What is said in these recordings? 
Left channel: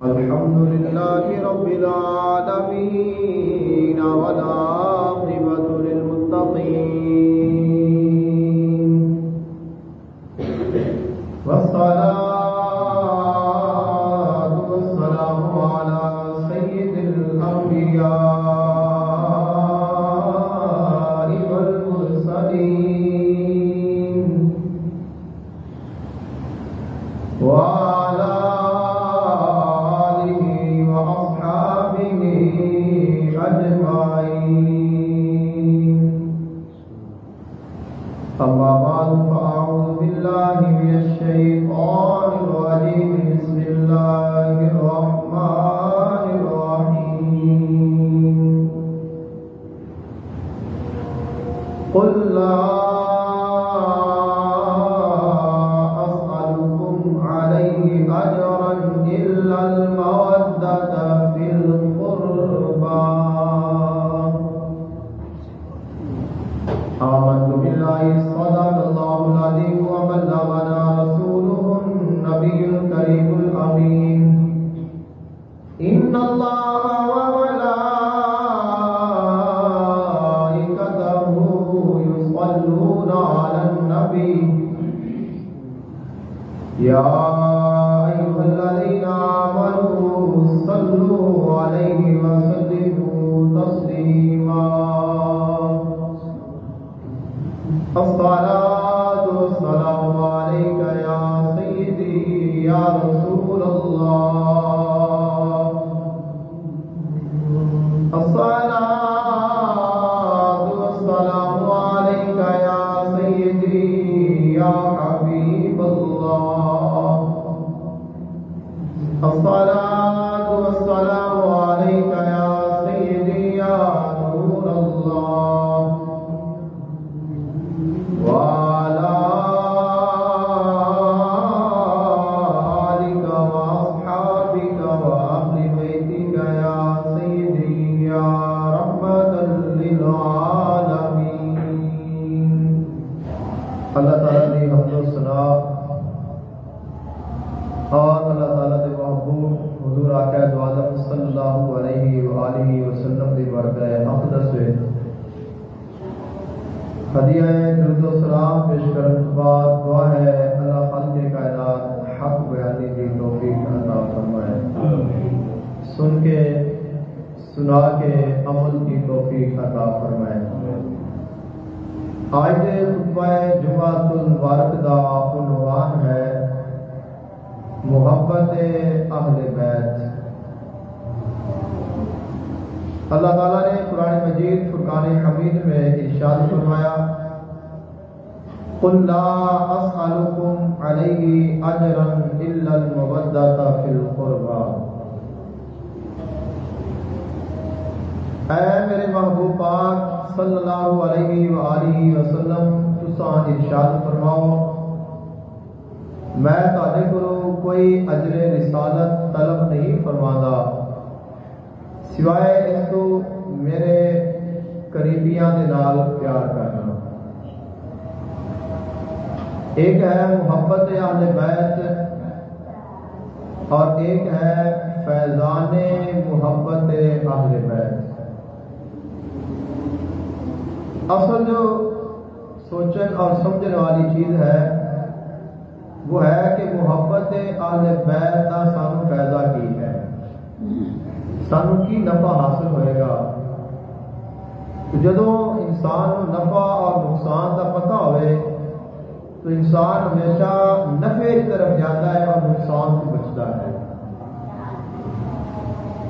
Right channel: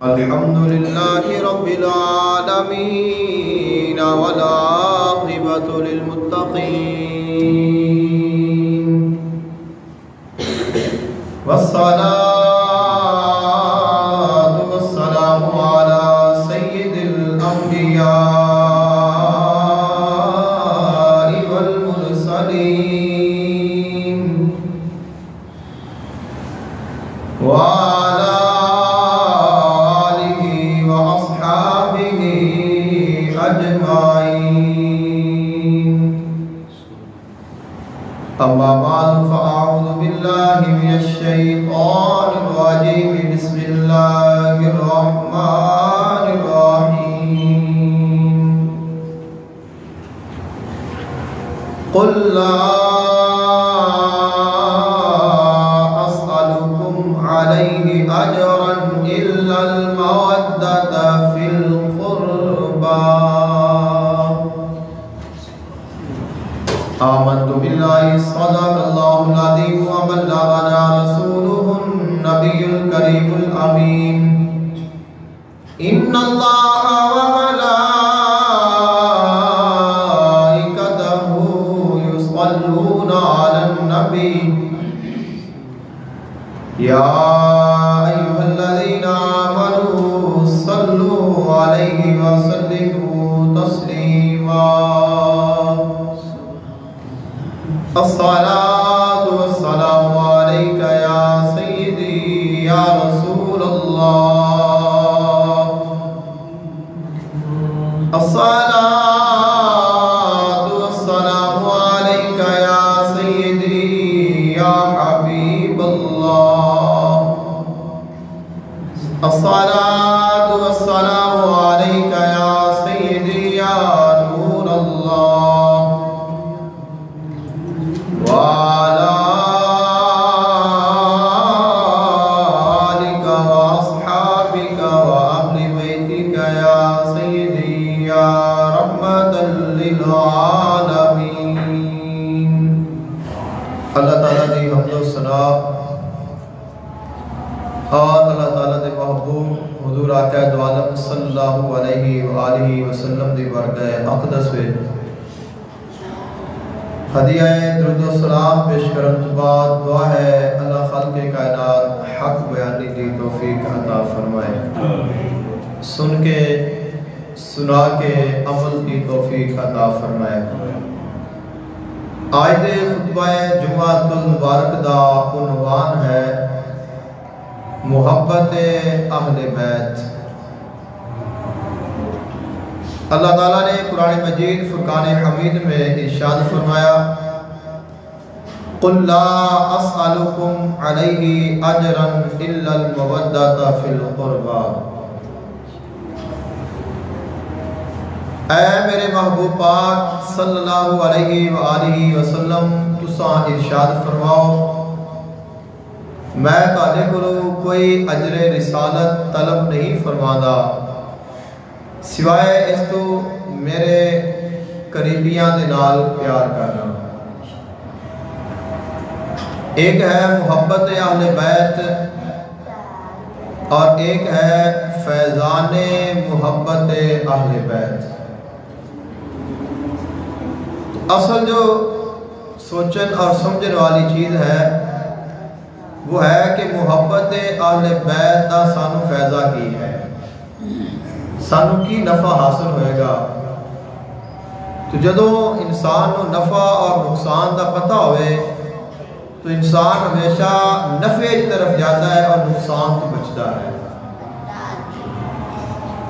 الحمد لله رب العالمين والعاقبة للمتقين والصلاة والسلام على سيد الأنبياء والمرسلين وعلى أما بعد فأعوذ بالله من الشيطان الرجيم بسم الله الرحمن الرحيم قل لا أسألكم عليه أجرا إلا المودة في القربى آمنت بالله صدق الله العظيم وبلغنا رسوله النبي الكريم الأمين إن الله وملائكته يصلون على النبي يا أيها الذين آمنوا صلوا عليه وسلموا تسليما الصلاة والسلام عليك يا سيدي يا رسول الله الصلاة والسلام عليك يا سيدي يا حبيب الله الصلاة والسلام عليك يا سيدي يا نور الله وعلى آلك وأصحابك وأهل بيتك يا سيدي يا رحمة للعالمين اللہ تعالیٰ دی حمد و ثنا اور اللہ تعالیٰ دے محبوب حضور آقا دو عالم صلی اللہ علیہ وآلہ وسلم دی بارگاہ اقدس میں ہدیہ درود و سلام پیش کرن تو بعد دعا ہے اللہ خالق کائنات حق بیانی دی توفیق عطا فرمائے سن کے سنا کے عمل کی توفیق عطا فرمائے آج دے خطبہ جمعۃ المبارک دا عنوان ہے محبت اہل بیت۔ اللہ تعالیٰ نے قرآن مجید فرقان حمید میں ارشاد فرمایا قل لا اسألکم علیہ اجرا الا المودۃ فی القربى، اے میرے محبوب پاک صلی اللہ علیہ وآلہ وسلم تساں ارشاد فرماؤ میں تہاڈے کولوں کوئی اجر رسالت طلب نہیں فرماندا سوائے اس تو میرے قریبیاں دے نال پیار کرنا۔ ایک ہے محبت اہل بیت اور ایک ہے فیضان محبت اہل بیت۔ اصل جو سوچن اور سمجھنے والی چیز ہے وہ ہے کہ محبت اہل بیت دا سانو فیضہ کی ہے، سانو کی نفع حاصل ہوئے گا۔ تو جدوں انسان کو نفع اور نقصان دا پتہ ہوئے تو انسان ہمیشہ نفع کی طرف جاتا ہے اور نقصان تو بچتا ہے۔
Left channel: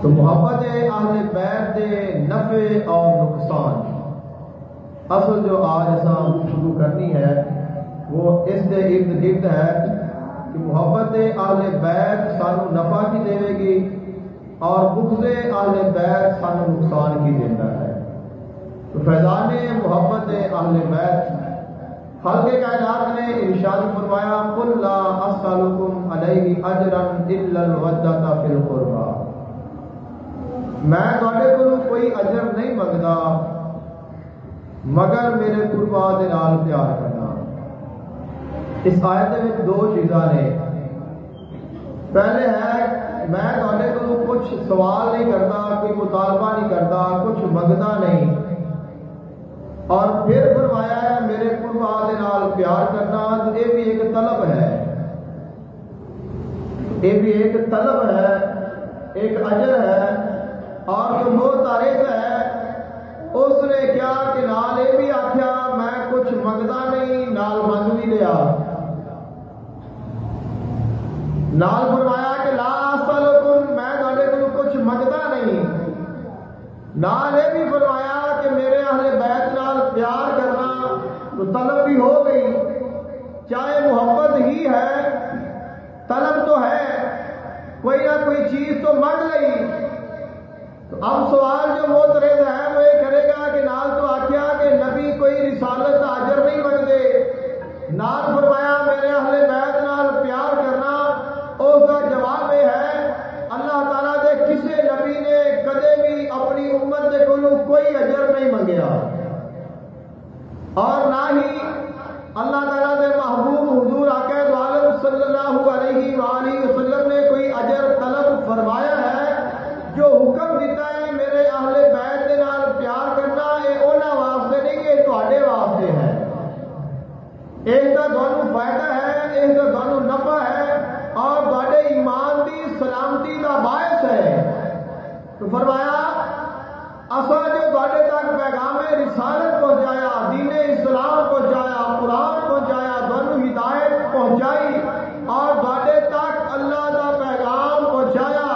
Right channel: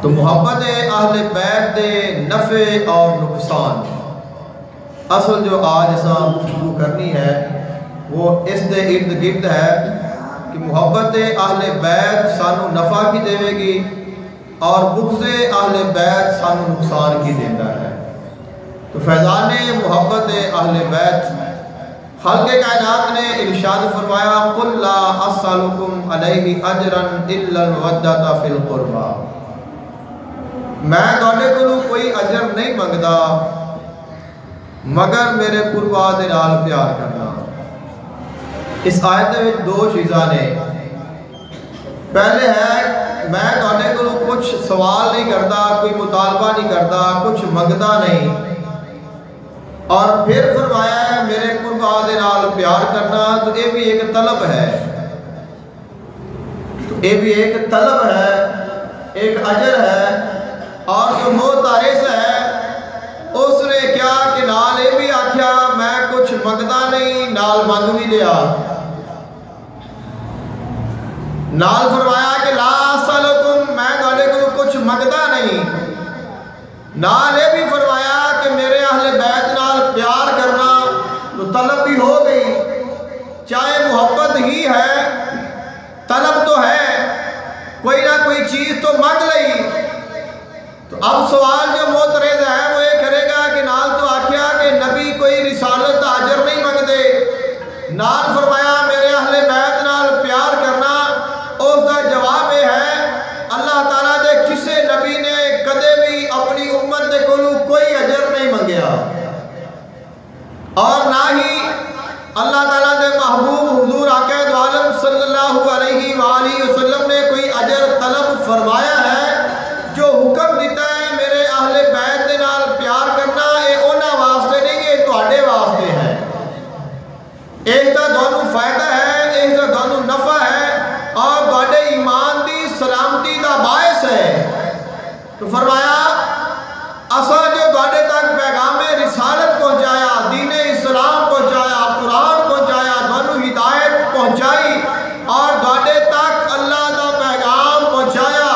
تو محبت اہل بیت دے نفع اور نقصان اصل جو آج اساں گفتگو کرنی ہے وہ اس دے ارد گرد ہے کہ محبت اہل بیت سانو نفع کی دے گی اور بغض اہل بیت سانو نقصان کی دیتا ہے۔ تو فیضان محبت اہل بیت خالق کائنات نے ارشاد فرمایا قل لا اسألکم علیہ اجرا الا المودۃ فی القربى، میں تہاڈے کولوں کوئی اجر نہیں منگدا مگر میرے قربا دے نال پیار کرنا۔ اس آیت میں دو چیزاں نے، پہلے ہے میں تواڈے کولوں کچھ سوال نہیں کرتا، کوئی مطالبہ نہیں کرتا، کچھ منگتا نہیں. اور پھر فرمایا ہے میرے قربا دے نال پیار کرنا، تو یہ بھی ایک طلب ہے، یہ بھی ایک طلب ہے، ایک اجر ہے. اور جو معترض ہے اس نے کیا کہ نال یہ بھی آکھیا میں کچھ منگتا نہیں، نال منگ بھی لیا. نال فرمایا کہ لا اسألکم، میں تواڈے کولوں کچھ منگتا نہیں. نال یہ بھی فرمایا کہ میرے اہل بیت نال پیار کرنا، تو طلب بھی ہو گئی، چاہے محبت ہی ہے طلب تو ہے، کوئی نہ کوئی چیز تو منگ لئی. تو اب سوال جو معترض ہے وہ یہ کرے گا کہ نال تو آکھیا کہ نبی کوئی رسالت اجر نہیں منگدے، نال فرمایا میرے اہل بیت نال پیار کرنا. اس کا جواب یہ ہے اللہ تعالیٰ دے کسے نبی نے کدے بھی اپنی امت دے کولوں کوئی اجر نہیں منگیا، اور نہ ہی اللہ تعالیٰ دے محبوب حضور آقا دو عالم صلی اللہ علیہ وآلہ وسلم نے کوئی اجر طلب فرمایا ہے. جو حکم دیتا ہے میرے اہل بیت دے نال پیار کرنا، یہ انہاں واسطے نہیں، یہ تواڈے واسطے ہے. اس کا تانوں فائدہ ہے، اس کا تانوں نفع ہے، اور تواڈے ایمان دی سلامتی دا باعث ہے. تو فرمایا اساں جو تواڈے تک پیغام رسالت پہنچایا، دین اسلام پہنچایا، قرآن پہنچایا، تانوں ہدایت پہنچائی، اور تواڈے تک اللہ دا پیغام پہنچایا.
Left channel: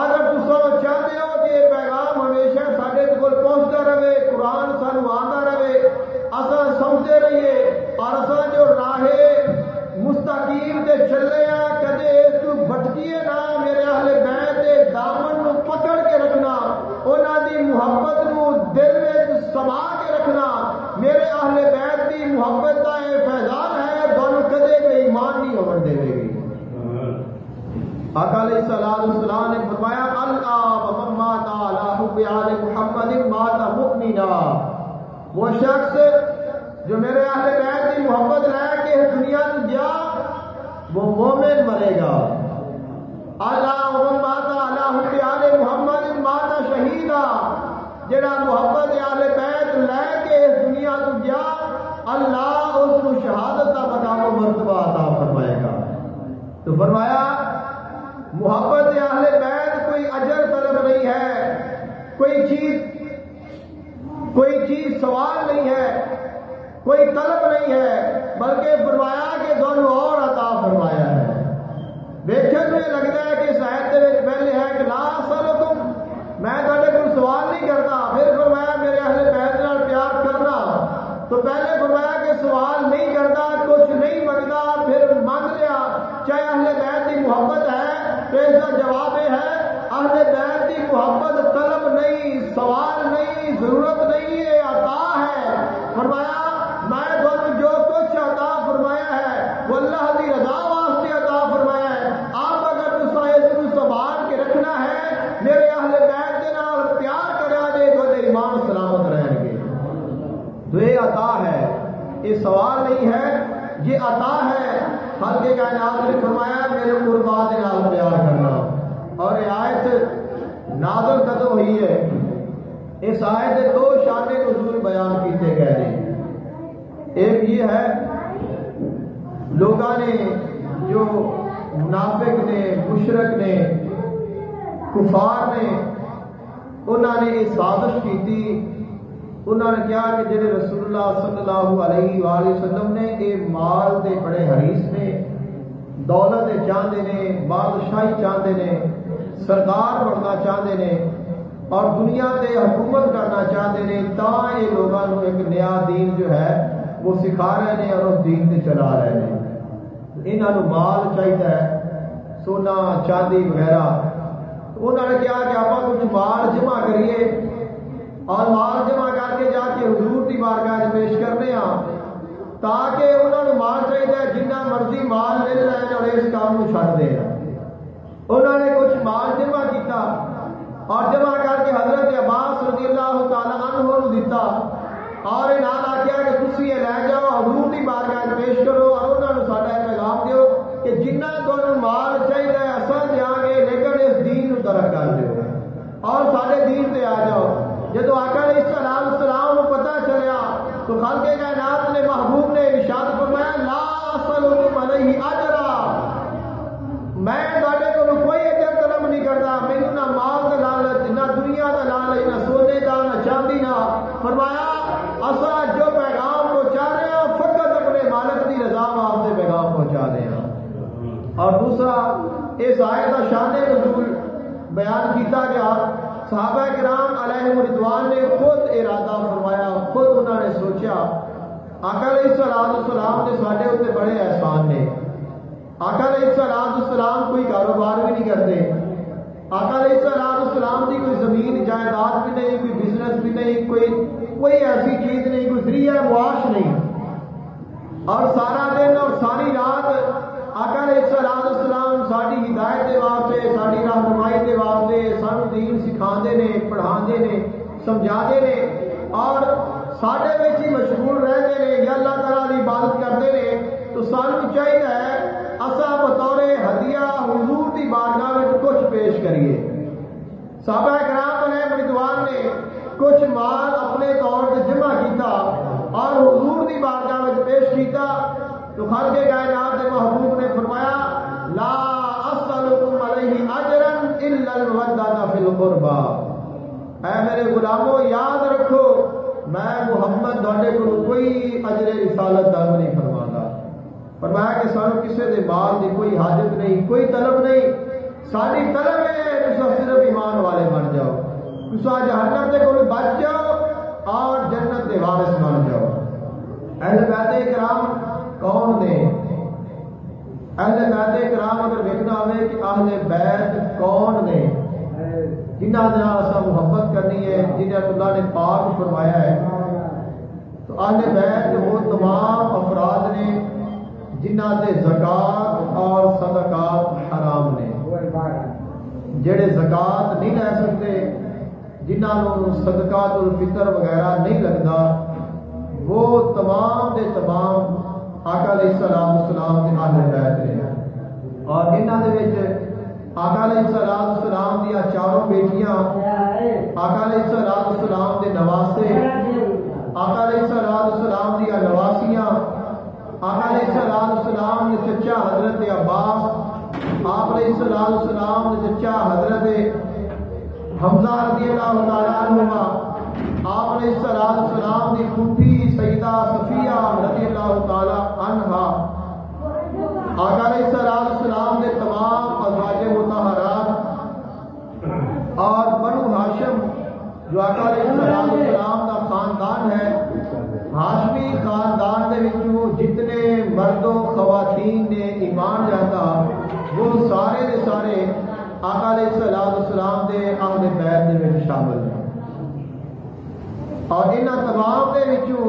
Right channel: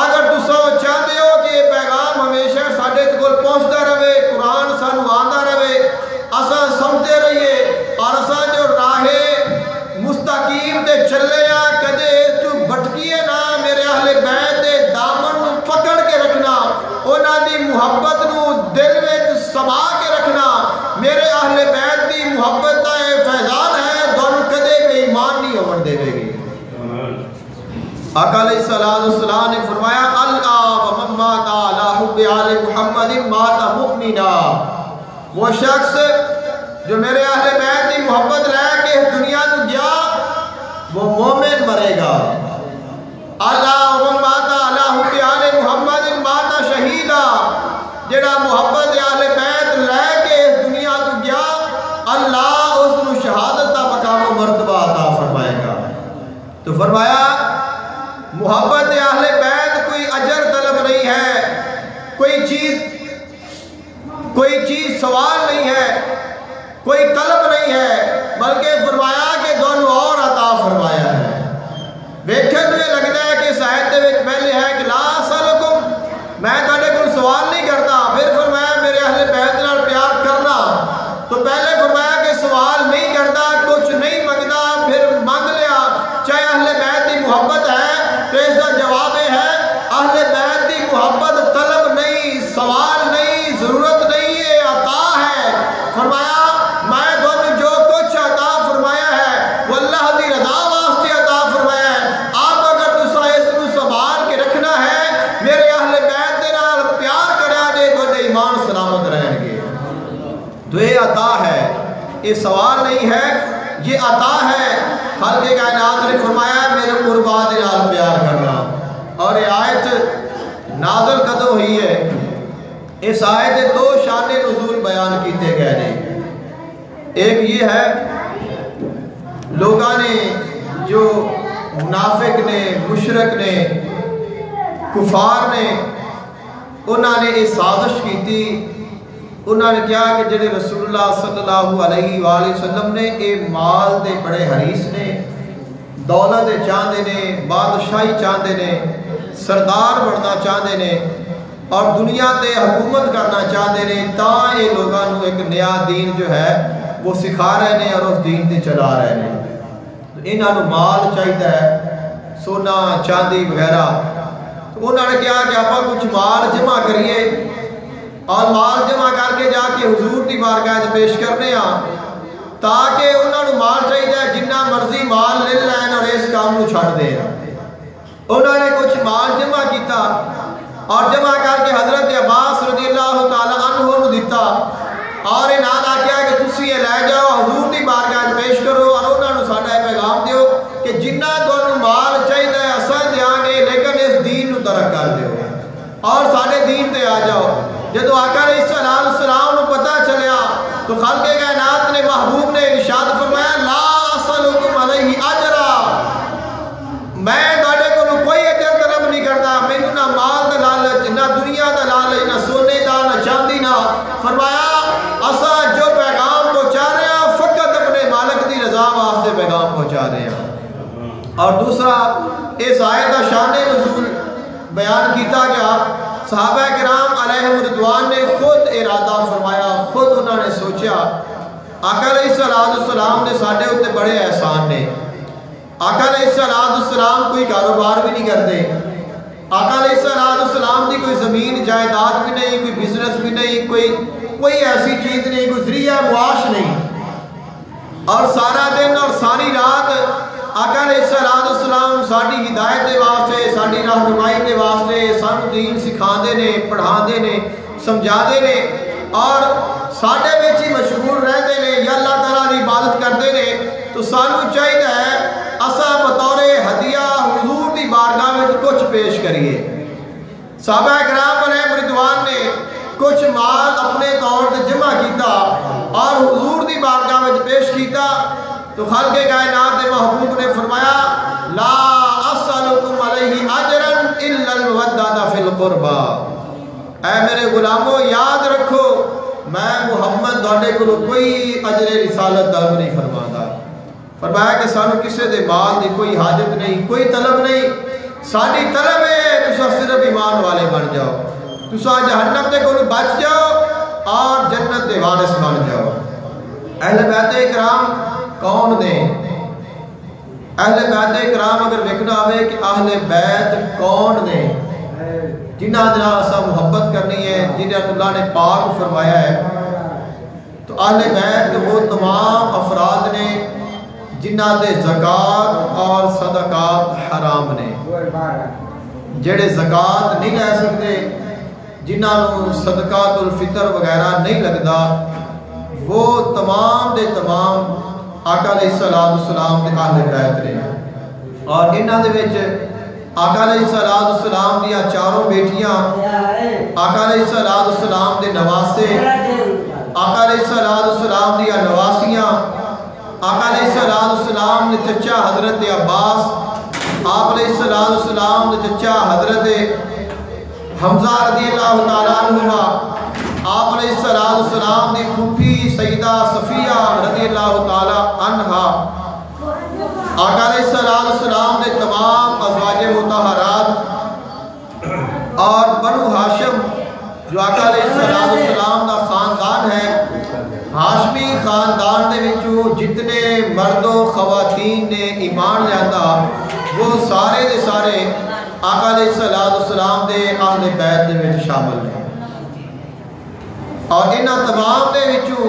اگر تساں چاہتے ہو کہ یہ پیغام ہمیشہ ساڈے کول پہنچتا رہے، قرآن سانوں آندا رہے، اساں سمجھتے رہیے، اور اساں جو راہ مستقیم تے چلے ہاں کدے اس تو بھٹکیے نہ. میرے اہل بیت دے دامن نو پکڑ کے رکھنا، انہاں دی محبت نو دل وچ سما کے رکھنا. میرے اہل بیت دی محبت دا یہ فیضان ہے، تانوں کدے بے ایمان نہیں ہون دے گی. آقا علیہ السلام نے فرمایا الآب من مات علی حب آل محمد مات مؤمنا. وہ شخص جو میرے اہل بیت کی محبت لے کے اس دنیا تو گیا وہ مومن مرے گا. اللہ من مات علی حب آل محمد مات شہیدا. جڑا محبت اہل بیت لے کے اس دنیا تو گیا، اللہ اس کو شہادت کا مقام و مرتبہ عطا فرمائے گا. تو فرمایا محبت اہل بیت کوئی اجر طلب نہیں ہے، کوئی چیز سوال نہیں ہے، کوئی طلب نہیں ہے، بلکہ فرمایا کہ دونوں اور عطا فرمایا ہے. ویکھن میں لگتا ہے کہ اس آیت دے وچ پہلے ہے کہ لا اسألکم، میں تواڈے کول سوال نہیں کرتا. پھر فرمایا میرے اہل بیت نال پیار کرنا. تو پہلے فرمایا کہ سوال نہیں کرتا، کچھ نہیں منگتا، پھر منگ لیا. چاہے اہل بیت کی محبت ہے تو اس کا جواب یہ ہے اہل بیت کی محبت طلب نہیں، سوال نہیں، ضرورت نہیں، یہ عطا ہے. فرمایا میں تانوں جو کچھ عطا فرمایا ہے وہ اللہ دی رضا واسطے عطا فرمایا ہے. آپ اگر تساں اس کو سنبھال کے رکھنا ہے، میرے اہل بیت دے نال پیار کریا جے، تواڈے ایمان سلامت رہن گے. تو یہ عطا ہے، یہ سوال نہیں ہے، یہ عطا ہے. خالق کائنات نے فرمایا میرے قربا دے نال پیار کرنا. اور یہ آیت نازل کدوں ہوئی ہے؟ اس آیت دے دو شان نزول بیان کیتے گئے ہیں. ایک یہ ہے لوگاں نے جو منافق نے، مشرک نے، کفار نے، انہوں نے یہ سازش کی تھی. انہوں نے کہا کہ جڑے رسول اللہ صلی اللہ علیہ وآلہ وسلم نے یہ مال دے بڑے حریص نے، دولت چاہتے نے، بادشاہی چاہتے نے، سردار بننا چاہتے نے، اور دنیا تے حکومت کرنا چاہتے نے، تاں یہ لوگوں ایک نیا دین جو ہے وہ سکھا رہے ہیں اور اس دین تے چلا رہے ہیں. انہوں مال چاہیے ہے، سونا چاندی وغیرہ. تو انہوں نے کہا کہ آپ کچھ مال جمع کریے، اور مال جمع کر کے جا کے حضور دی بارگاہ پیش کرنے ہاں، تاکہ انہوں نے مال چاہیے جنہ مرضی مال لے لین اور اس کام کو چھڑ دے. انہوں نے کچھ مال جمع کیتا اور جمع کر کے حضرت عباس رضی اللہ تعالی عنہ کو دیتا، اور انہوں نے کہا کہ تسی یہ لے جاؤ حضور دی بارگاہ پیش کرو، اور انہوں نے ساڈا پیغام دیو کہ جنہ تانوں مال چاہیے اساں دیاں گے، لیکن اس ترک کر دیو اور ساڑھے دین تے آ جاؤ۔ جدو آقا علیہ السلام نے پتہ چلیا تو خالق کائنات نے محبوب نے ارشاد فرمایا لا اسألکم علیہ اجرا، میں تواڈے کولوں کوئی اجر طلب نہیں کرتا، مینوں نہ مال دا لالچ، نہ دنیا دا لالچ، نہ سونے دا، نہ چاندی دا۔ فرمایا اساں جو پیغام پہنچا رہے ہیں فقط اپنے مالک دی رضا واسطے پیغام پہنچا رہے ہیں۔ اور دوسرا اس آیت کا شان نزول بیان کیتا گیا، صحابہ کرام علیہم رضوان نے خود ارادہ فرمایا، خود انہوں نے سوچا آقا علیہ السلام نے ساڈے اوتے بڑے احسان نے۔ آقا علیہ السلام کوئی کاروبار بھی نہیں کرتے، آقا علیہ السلام دی کوئی زمین جائیداد بھی نہیں، کوئی بزنس بھی نہیں، کوئی ایسی چیز نہیں، کوئی ذریعہ معاش نہیں، اور سارا دن اور ساری رات آقا علیہ السلام ساڑی ہدایت دے واسطے، ساڑی رہنمائی دے واسطے سانو دین سکھاندے نے، پڑھاندے نے، سمجھاندے نے، اور ساڑے وچ ہی مشغول رہندے نے یا اللہ تعالیٰ دی عبادت کردے نے۔ تو سانو چاہیے ہے اساں بطور ہدیہ حضور دی بارگاہ وچ کچھ پیش کریے۔ صحابہ کرام علیہم رضوان نے کچھ مال اپنے طور تے جمع کیتا اور حضور دی بارگاہ وچ پیش کیتا، تو خالق کائنات دے محبوب نے فرمایا لا اسألکم علیہ اجرا الا المودۃ فی القربى، اے میرے غلاموں یاد رکھو میں محمد تواڈے کولوں کوئی اجر رسالت طلب نہیں فرماتا۔ فرمایا کہ سانو کسے دے مال دی کوئی حاجت نہیں، کوئی طلب نہیں، ساری طلب ہے تساں صرف ایمان والے بن جاؤ، تساں جہنم دے کولوں بچ جاؤ اور جنت دے وارث بن جاؤ۔ اہل بیت اکرام کون نے؟ اہل بیت اکرام اگر دیکھنا ہوئے کہ اہل بیت کون نے جنہ دے نال اساں محبت کرنی ہے، جنہیں اللہ نے پاک فرمایا ہے، تو اہل بیت وہ تمام افراد نے جنہ دے زکوٰۃ اور صدقات حرام نے، جڑے زکوٰۃ نہیں لے سکتے، جنہاں نوں صدقات الفطر وغیرہ نہیں لگتا، وہ تمام دے تمام آقا علیہ السلام دے اہل بیت نے۔ اور انہاں دے وچ آقا علیہ السلام دیا چاروں بیٹیاں، آقا علیہ السلام دے نواسے، آقا علیہ السلام دیا نواسیاں، آقا علیہ السلام دے چچا حضرت عباس، آپ علیہ السلام دے چچا حضرت حمزہ رضی اللہ تعالیٰ عنہما، آپ علیہ السلام دی پھوپھی سیدہ صفیہ رضی اللہ تعالیٰ عنہا، آقا علیہ السلام دے تمام ازواج مطہرات، اور بنو ہاشم جو آقا علیہ السلام دا خاندان ہے، ہاشمی خاندان دے وچوں جتنے مرد و خواتین نے ایمان لیاتا وہ سارے دے سارے آقا علیہ السلام دے اہل بیت دے وچ شامل ہیں۔ اور انہاں تمام دے وچوں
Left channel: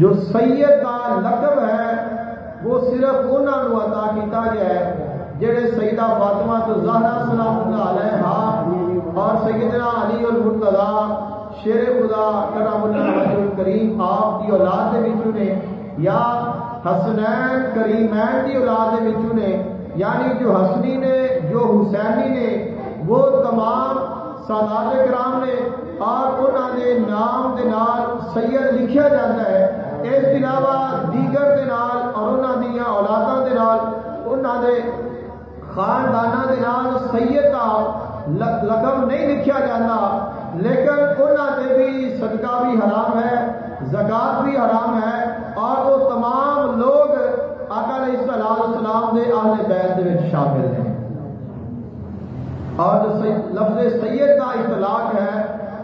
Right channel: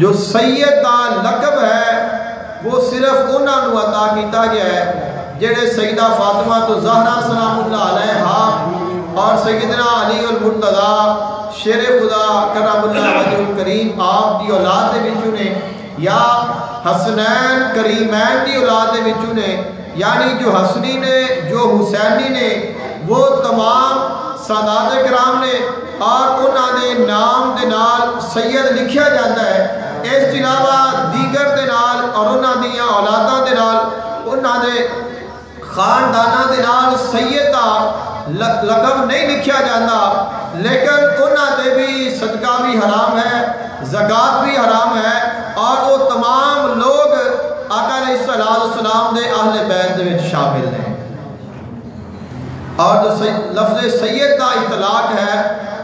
جو سید دا لقب ہے وہ صرف انہاں نوں عطا کیتا گیا ہے جڑے سیدہ فاطمہ تو زہرا سلام اللہ علیہا اور سیدنا علی المرتضی شیر خدا کرم اللہ وجہ الکریم آپ دی اولاد دے وچوں نے، یا حسنین کریمین دی اولاد دے وچوں نے، یعنی جو حسنی نے جو حسینی نے وہ تمام سادات کرام نے، اور انہاں دے نام دے نال سید لکھیا جاتا ہے۔ اس کے علاوہ دیگر دے نال اور انہاں دیاں اولاداں دے نال انہاں دے خانداناں دے نال سید دا لقب نہیں لکھیا جاتا، لیکن انہاں دے بھی صدقہ بھی حرام ہے، زکوٰۃ بھی حرام ہے، اور وہ تمام لوگ آقا علیہ السلام دے اہل بیت دے وچ شامل ہیں۔ اور جو لفظ سید کا اطلاق ہے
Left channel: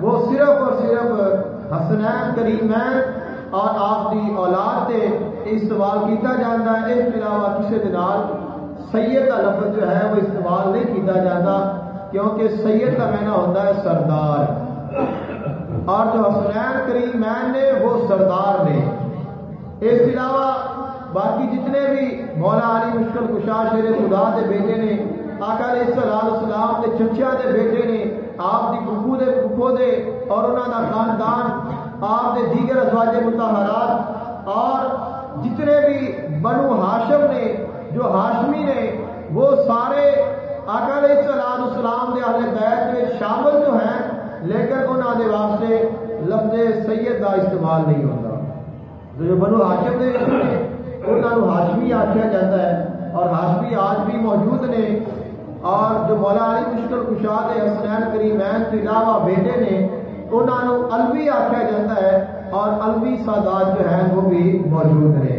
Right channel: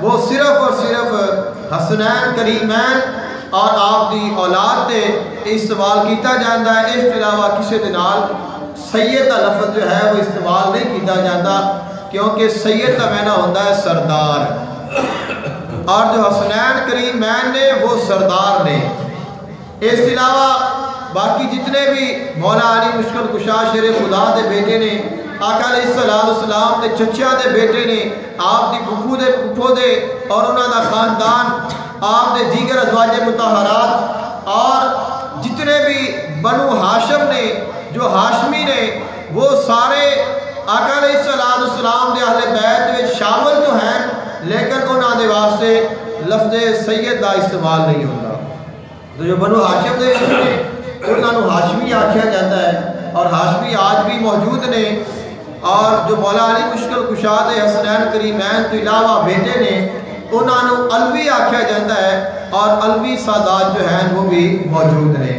وہ صرف اور صرف حسنین کریمین اور آپ دی اولاد تے استعمال کیتا جاتا ہے۔ اس کے علاوہ کسی دے نال سید کا لفظ جو ہے وہ استعمال نہیں کیتا جاتا، کیونکہ سید کا معنی ہوتا ہے سردار، اور جو حسنین کریمین نے وہ سردار نے۔ اس کے علاوہ باقی جتنے بھی مولا علی مشکل کشا شیر خدا دے بیٹے نے، آقا علیہ السلام دے چچا دے بیٹے نے، آپ دی پھپھو دے پھپھو دے اور انہاں دا خاندان، آپ دے دیگر ازواج مطہرات، اور جتنے بھی بنو ہاشم نے جو ہاشمی نے وہ سارے آقا علیہ السلام دے اہل بیت میں شامل تو ہیں لیکن انہاں دے واسطے لفظ سید دا استعمال نہیں ہوتا. تو جو بنو ہاشم دے انہاں نو ہاشمی آکھیا جاتا ہے اور ہاشمی آج بھی موجود نے. اور جو مولا علی مشکل کشا دے حسنین کریمین تو علاوہ بیٹے نے انہاں نو علوی آکھیا جاتا ہے اور علوی سادات جو ہیں وہ بھی موجود نے.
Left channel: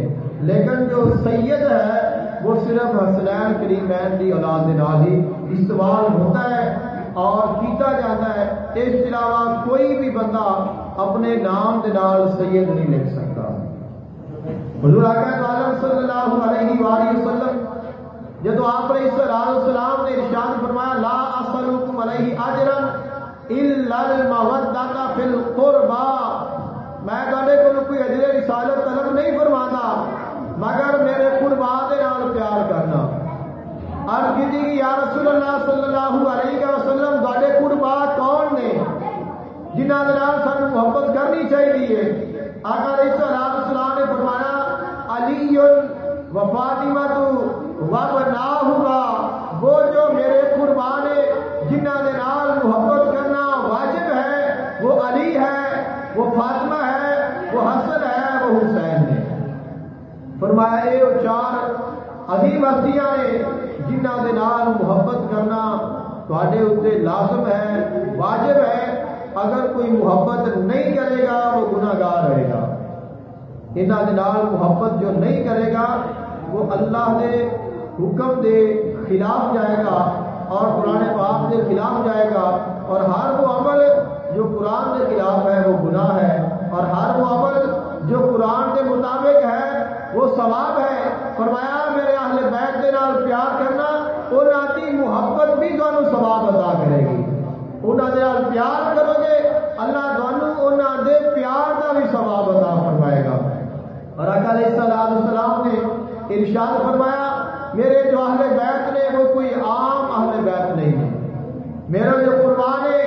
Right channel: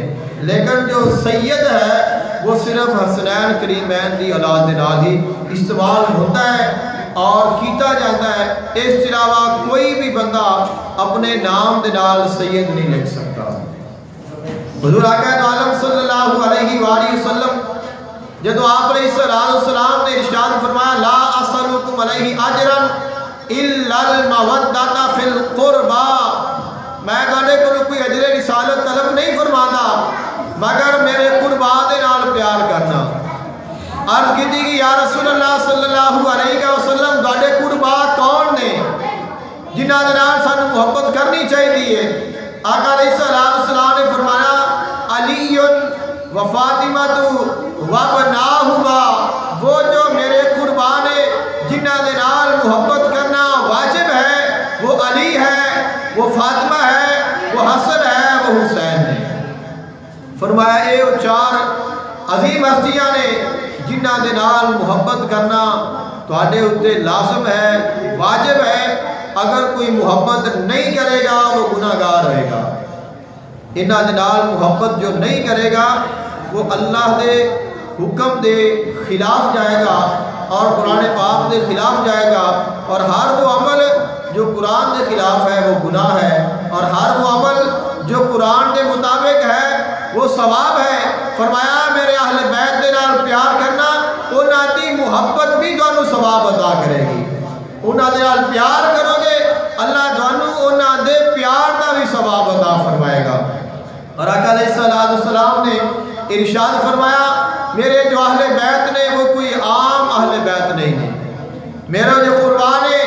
لیکن جو سید ہے وہ صرف حسنین کریمین دی اولاد دے نال ہی استعمال ہوتا ہے اور کیتا جاتا ہے. اس کے علاوہ کوئی بھی بندہ اپنے نام دے نال سید نہیں لکھ سکتا. حضور آقا عالم صلی اللہ علیہ وآلہ وسلم جدو آپ علیہ السلام نے ارشاد فرمایا لا اسألکم علیہ اجرا الا المودۃ فی القربى، میں تہاڈے کول کوئی اجر رسالت طلب نہیں فرماتا مگر میرے قربا دے نال پیار کرنا. عرض کی کہ یا رسول اللہ صلی اللہ علیہ وسلم تہاڈے قربا کون نے جنہاں دے نال سانوں محبت کرنی چاہیے؟ آقا علیہ السلام نے فرمایا علی و فاطمہ وابناہما، وہ جو میرے قربان جنہاں دے نال محبت کرنا واجب ہے وہ علی ہے، وہ فاطمہ ہے، وہ حسن ہے، وہ حسین ہے. فرمایا اے وہ چار عظیم ہستیاں نے جنہاں دے نال محبت کرنا تہاڈے اوتے لازم ہے، واجب ہے. اگر کوئی محبت نہیں کرے گا وہ گناہگار ہوئے گا. انہاں دے نال محبت جو نہیں کرے گا وہ اللہ دے حکم دے خلاف جائے گا اور قرآن پاک دے خلاف جائے گا. اور ہر وہ عمل جو قرآن دے خلاف ہے وہ گناہ ہے اور ہر وہ عمل جو قرآن دے مطابق ہے وہ ثواب ہے. فرمایا میرے اہل بیت دے نال پیار کرنا انہاں دی محبت بھی تانوں ثواب عطا کرے گی. انہاں دے نال پیار کرو گے اللہ تانوں انہاں دے پیار دا بھی ثواب عطا فرمائے گا. اور آقا علیہ السلام نے ارشاد فرمایا میرے جو اہل بیت نے وہ کوئی عام اہل بیت نہیں نے، میرے جو قربان ہے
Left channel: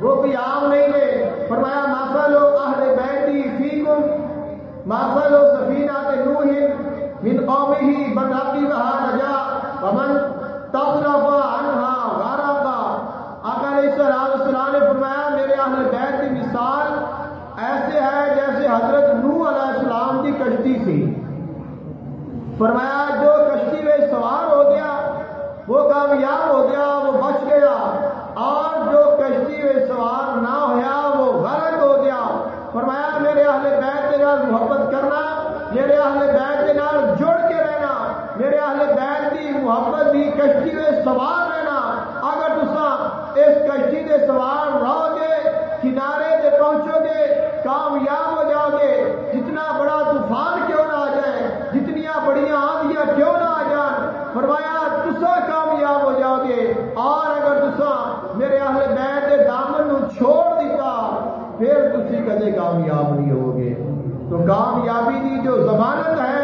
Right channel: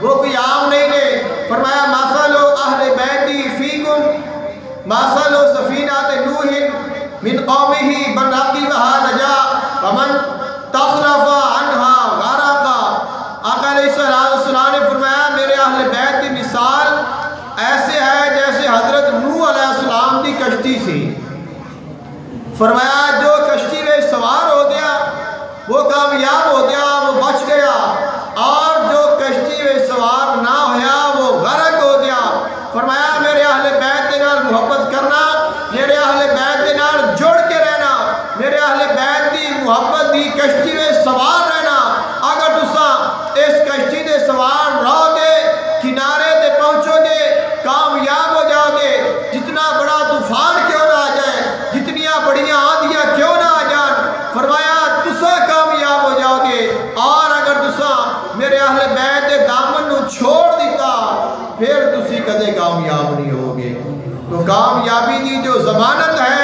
وہ کوئی عام نہیں نے. فرمایا مثل اہل بیتی فیکم مثل سفینۃ نوح من قومہ من رکبها نجا ومن تخلف عنها غرق. آقا علیہ السلام نے فرمایا میرے اہل بیت کی مثال ایسے ہے جیسے حضرت نوح علیہ السلام کی کشتی سی. فرمایا جو کشتی میں سوار ہو گیا وہ کامیاب ہو گیا، وہ بچ گیا، اور جو کشتی میں سوار نہ ہویا وہ غرق ہو گیا. فرمایا میرے اہل بیت کے نال محبت کرنا، میرے اہل بیت کے نال جڑ کے رہنا، میرے اہل بیت کی محبت کی کشتی میں سوار رہنا. اگر تساں اس کشتی دے سوار رہو گے کنارے تے پہنچو گے کامیاب ہو جاؤ گے. جتنا بڑا طوفان کیوں نہ آ جائے، جتنیاں بڑیاں آندیاں کیوں نہ آ جان، فرمایا تساں کامیاب ہو جاؤ گے. اور اگر تساں میرے اہل بیت دے دامن نو چھوڑ دیتا پھر تسی کدے کامیاب نہیں ہوگے. تو کامیابی دی جو ضمانت ہے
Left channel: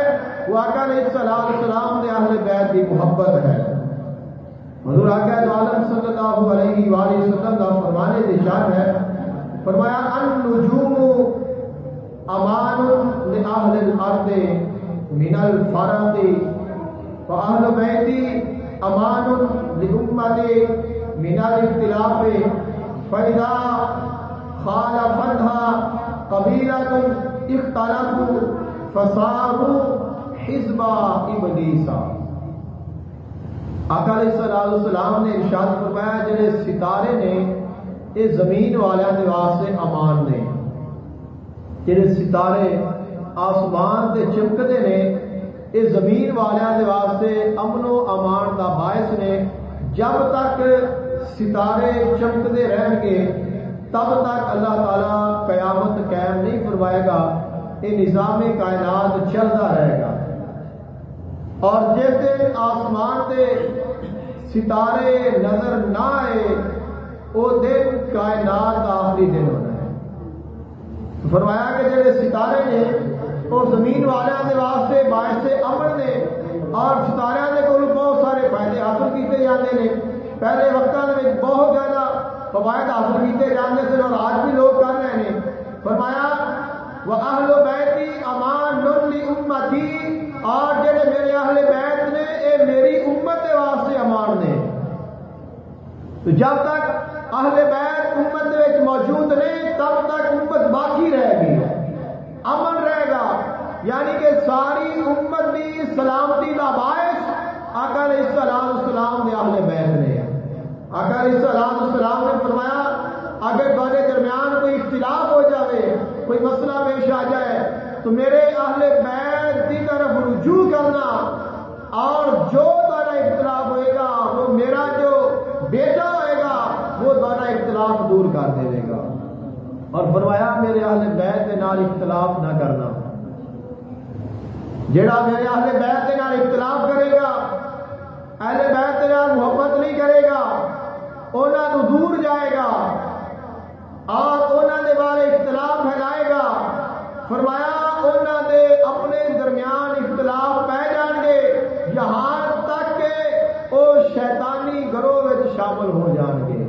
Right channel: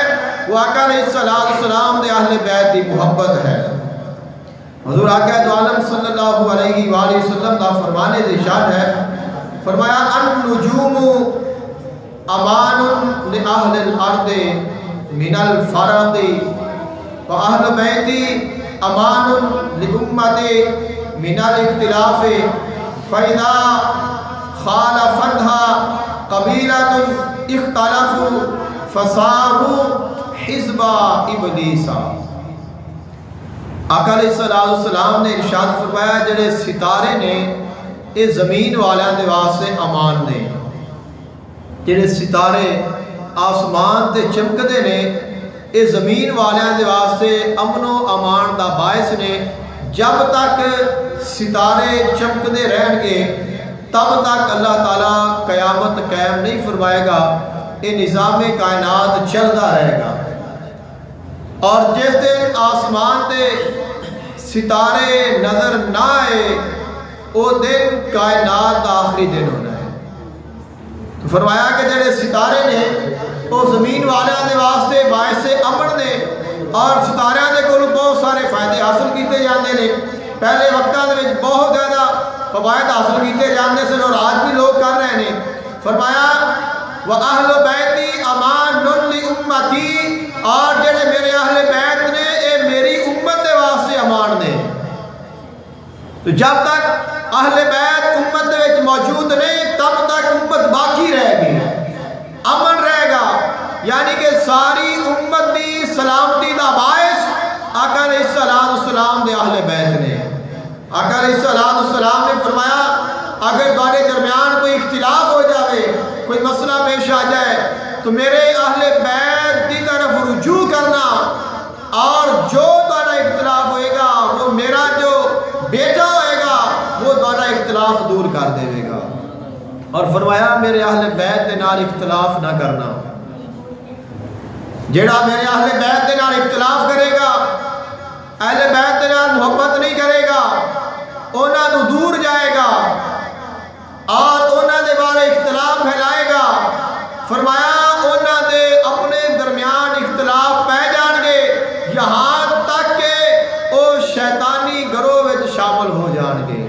وہ آقا علیہ السلام دے اہل بیت دی محبت ہے. حضور آقا عالم صلی اللہ علیہ وآلہ وسلم دا فرمانے ارشاد ہے، فرمایا النجوم امان لأہل الارض من الفرد واہل بیتی امان لامت من الاختلاف فاذا خالفتها قبیلۃ اختلفوا فصاروا حزب ابلیس. آقا علیہ السلام نے ارشاد فرمایا جڑے ستارے نے یہ زمین والیاں دے واسطے امان نے. جڑے ستارے آسمان تے چمکدے نے یہ زمین والیاں دے واسطے امن و امان دا باعث نے. جب تک ستارے چمکدے رہن گے تب تک اللہ تعالیٰ قیامت قائم نہیں فرمائے گا، یہ نظام کائنات چلتا رہے گا. اور جس دن آسمان تے ستارے نظر نہ آئے وہ دن کائنات کا آخری دن ہونا ہے. تو فرمایا کہ جڑے ستارے نے وہ زمین والوں کے واسطے باعث امن نے اور ستاریاں دے کول بہت سارے فائدے حاصل کیتے جاندے نے. پہلے وقتاں دے وچ بہت زیادہ فوائد حاصل کیتے جاندے سن اور آج بھی لوگ کر رہے ہیں. فرمایا وَأَهْلُ بَيْتِ أَمَانٌ لِأُمَّتِي، اور جڑے میرے اہل بیت نے اے میری امت دے واسطے امان نے. تو جب تک اہل بیت امت دے وچ موجود نہیں تب تک امت باقی رہے گی، امن رہے گا، یعنی کہ ساری امت دی سلامتی دا باعث آقا علیہ السلام دے اہل بیت نے۔ آقا علیہ السلام نے فرمایا اگر تمہارے درمیان کوئی اختلاف ہو جاوے، کوئی مسئلہ پیش آ جائے تو میرے اہل بیت دی طرف رجوع کرنا، اور جو تمہارا اختلاف ہوئے گا وہ میرا جو بیٹا ہوئے گا وہ تمہارا اختلاف دور کر دے گا۔ اور فرمایا میرے اہل بیت دے نال اختلاف نہ کرنا، جیڑا میرے اہل بیت دے نال اختلاف کرے گا، اہل بیت دے نال محبت نہیں کرے گا، انہاں تو دور جائے گا اور انہاں دے بارے اختلاف پھیلائے گا۔ فرمایا انہاں دے اپنے درمیان اختلاف پہ جان گے یہاں تک کہ وہ شیطانی گروہ وچ شامل ہو جان گے۔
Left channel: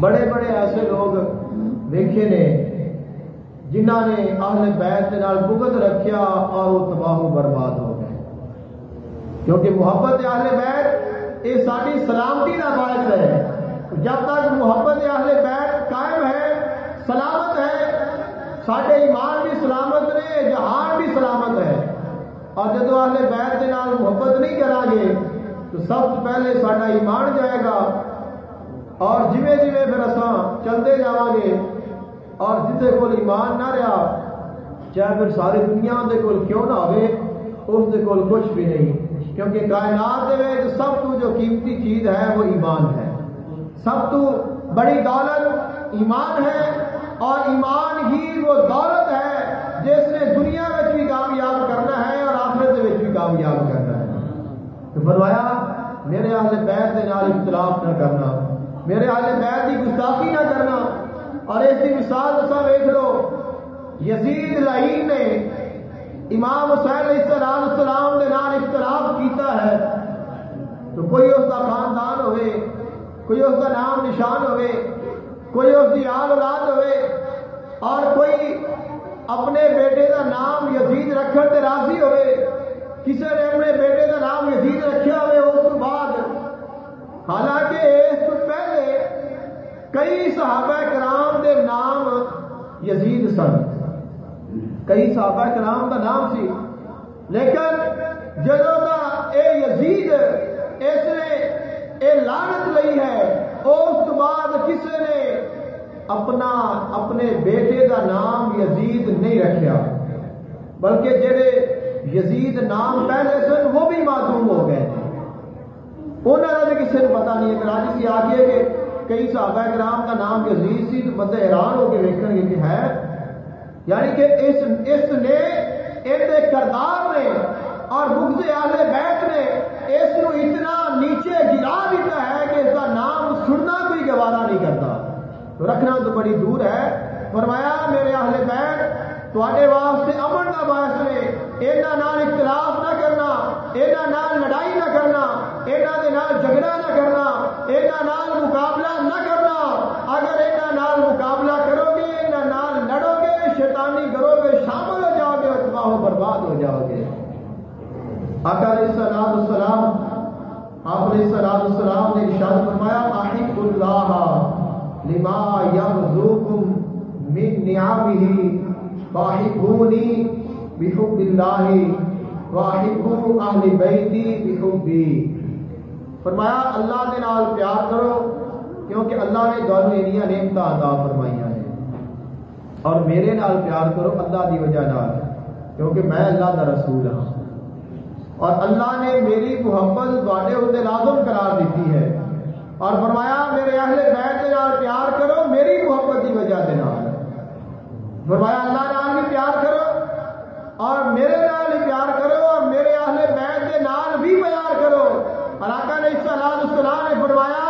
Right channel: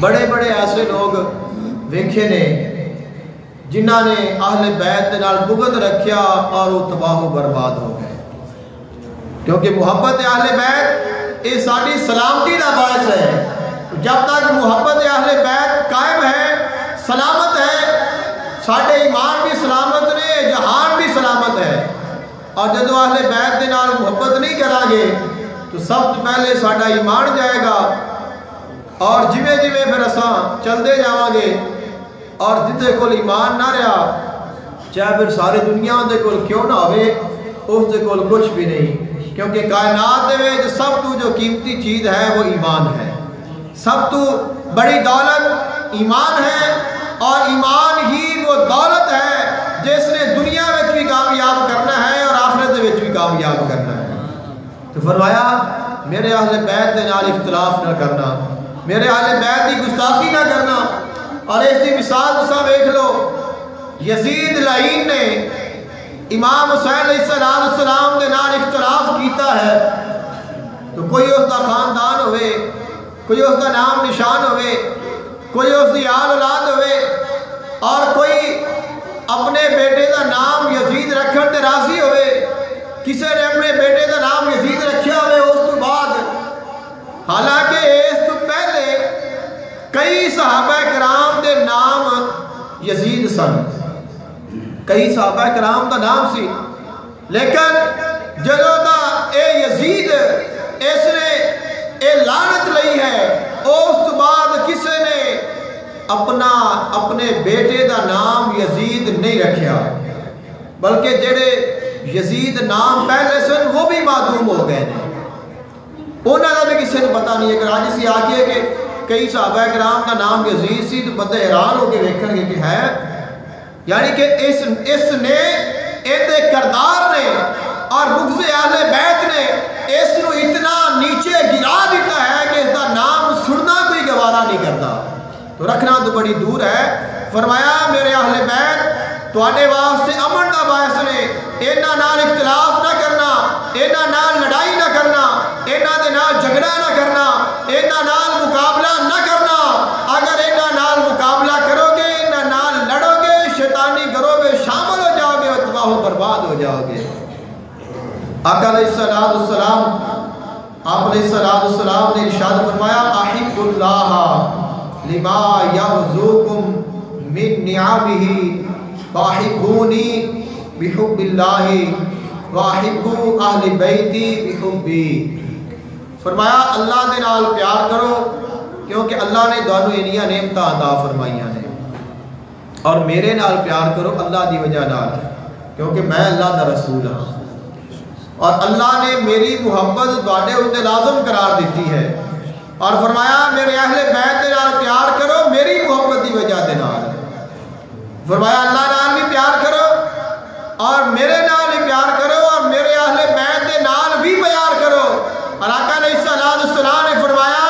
بڑے بڑے ایسے لوگ ویکھے نے جنہاں نے اہل بیت دے نال بغض رکھیا اور وہ تباہ و برباد ہو گئے، کیونکہ محبت اہل بیت یہ ساری سلامتی کا باعث ہے۔ جب تک محبت اہل بیت قائم ہے، سلامت ہے، ساڈے ایمان بھی سلامت نے، جہان بھی سلامت ہے۔ اور جدو اہل بیت دے نال محبت نہیں کریں گے تو سب تو پہلے ساڈا ایمان جائے گا، اور جویں جویں پھر اساں چلتے جاواں گے، اور جتے کول ایمان نہ رہا چاہے پھر ساری دنیا دے کول کیوں نہ ہوئے اس دے کول کچھ بھی نہیں، کیونکہ کائنات دے وچ سب تو جو قیمتی چیز ہے وہ ایمان ہے، سب تو بڑی دولت ایمان ہے، اور ایمان ہی وہ دولت ہے جس نے دنیا میں بھی کامیاب کرنا ہے اور آخرت میں بھی کامیاب کرنا ہے۔ تو فرمایا میرے اہل بیت دے نال اختلاف نہ کرنا، میرے اہل بیت کی گستاخی نہ کرنا۔ اور اس کی مثال تساں ویکھ لو، یزید لعین نے امام حسین علیہ السلام دے نال اختلاف کیتا ہے، تو کوئی اس دا خاندان ہوئے، کوئی اس دا نام نشان ہوئے، کوئی اس دی آل اولاد ہوئے، اور کوئی اپنے بیٹے دا نام یزید رکھن تے راضی ہوئے، کسی نے اپنے بیٹے دا نام یزید رکھیا ہوئے اس تو بعد، حالانکہ اس تو پہلے کئی صحابہ کرام دے نام یزید سن، کئی صحابہ کرام دا نام سی، لیکن جدوں دا اے یزید اس نے اے لعنت لئی ہے اس تو بعد کسی نے اپنے بیٹے دا نام یزید نہیں رکھیا، بلکہ جڑے یزید نام پہلے سن وہ بھی معدوم ہو گئے ہیں، انہوں نے بھی کسی نے پتہ نہیں ہے۔ اگر آج اسی آکھیے کہ کئی صحابہ کرام کا نام یزید سی تو بندے حیران ہو کے دیکھیں گے کہ ہے، یعنی کہ اس نے اندے کردار نے اور بغض اہل بیت نے اس نو اتنا نیچے گرا دیتا ہے کہ اس کا نام سننا کوئی گوارا نہیں کرتا، تو رکھنا تو بڑی دور ہے۔ فرمایا میرے اہل بیت تواڈے واسطے امن دا باعث نے، انہاں نال اختلاف نہ کرنا، انہاں نال لڑائی نہ کرنا، انہاں دے نال جھگڑا نہ کرنا، انہاں نال مقابلہ نہ کرنا۔ اگر انہاں نال مقابلہ کرو گے، انہاں نال لڑو گے، شیطانی گروہ میں شامل ہو جاؤ گے اور تباہ و برباد ہو جاؤ گے۔ آقا علیہ السلام آپ علیہ السلام نے ارشاد فرمایا احب اللہ لما یغزوکم من نعمہ واحبونی بحب اللہ واحبو اہل بیتی بحبی۔ فرمایا اللہ دے نال پیار کرو کیونکہ اللہ نے دونوں انیاں نعمتاں عطا فرمائیاں نے، اور میرے نال پیار کرو اللہ دی وجہ نال کیونکہ میں اللہ دا رسول ہاں، اور اللہ نے میری محبت تواڈے اوتے لازم قرار دیتی ہے، اور فرمایا میرے اہل بیت دے نال پیار کرو میری محبت دی وجہ دے نال۔ فرمایا اللہ نال بھی پیار کرو اور میرے نال بھی پیار کرو اور میرے اہل بیت دے نال بھی پیار کرو۔ اور آقا علیہ السلام نے فرمایا